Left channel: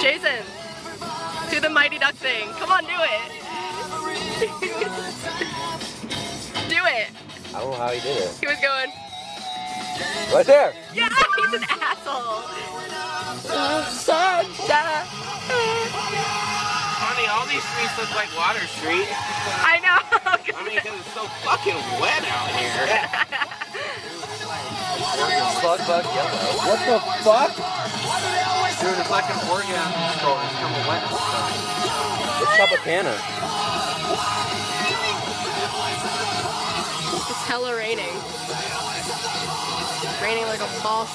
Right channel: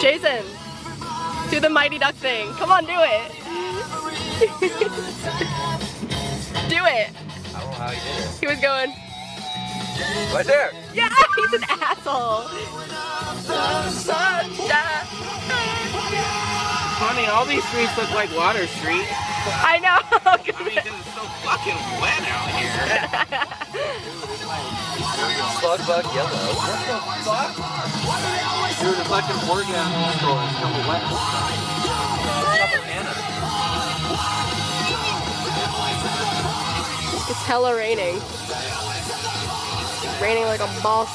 Jason, do the Mighty Duck thing. Come on, do it. Do it. I don't know how he did it. He was going. Right there. Yeah, he's an asshole. Funny, all these streets look like Water Street. I know. I mean, because it's so fucking wet out here. Bug yellow. What the fuck? Dude, it's like an orgasm store. It's kind of wet. Tropicana. It's hella raining. It's raining like a ball.